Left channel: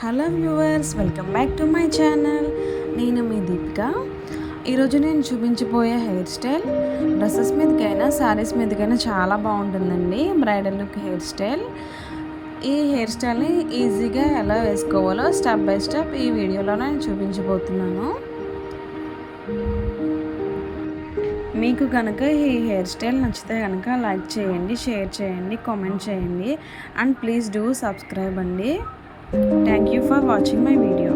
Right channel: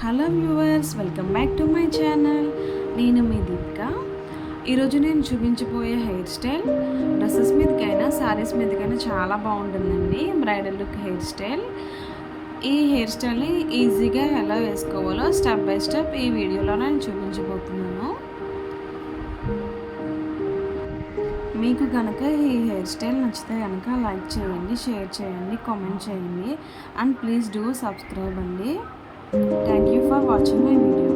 Hello viewers, welcome back to my channel. నేను మీ దీపిక. ఈరోజు నేను చూపించబోయే హెయిర్ స్టైల్ డ్రెస్సెస్ మీదకైనా శారీస్ మీదకైనా చాలా బాగుంటుందండి. Bridal look hair style. ఈ హెయిర్ స్టైల్ని ఈజీగా ఎలా వేసుకోవాలో స్టెప్ బై స్టెప్ ఈ వీడియోలో నేను చూపించబోతున్నాను. మీకు కనుక ఈ హెయిర్ స్టైల్ నచ్చితే కనుక లైక్ చేయండి, షేర్ చేయండి, కామెంట్ చేయండి అండ్ ప్లీజ్ డూ సబ్స్క్రైబ్ అండి. Thank you for watching my video.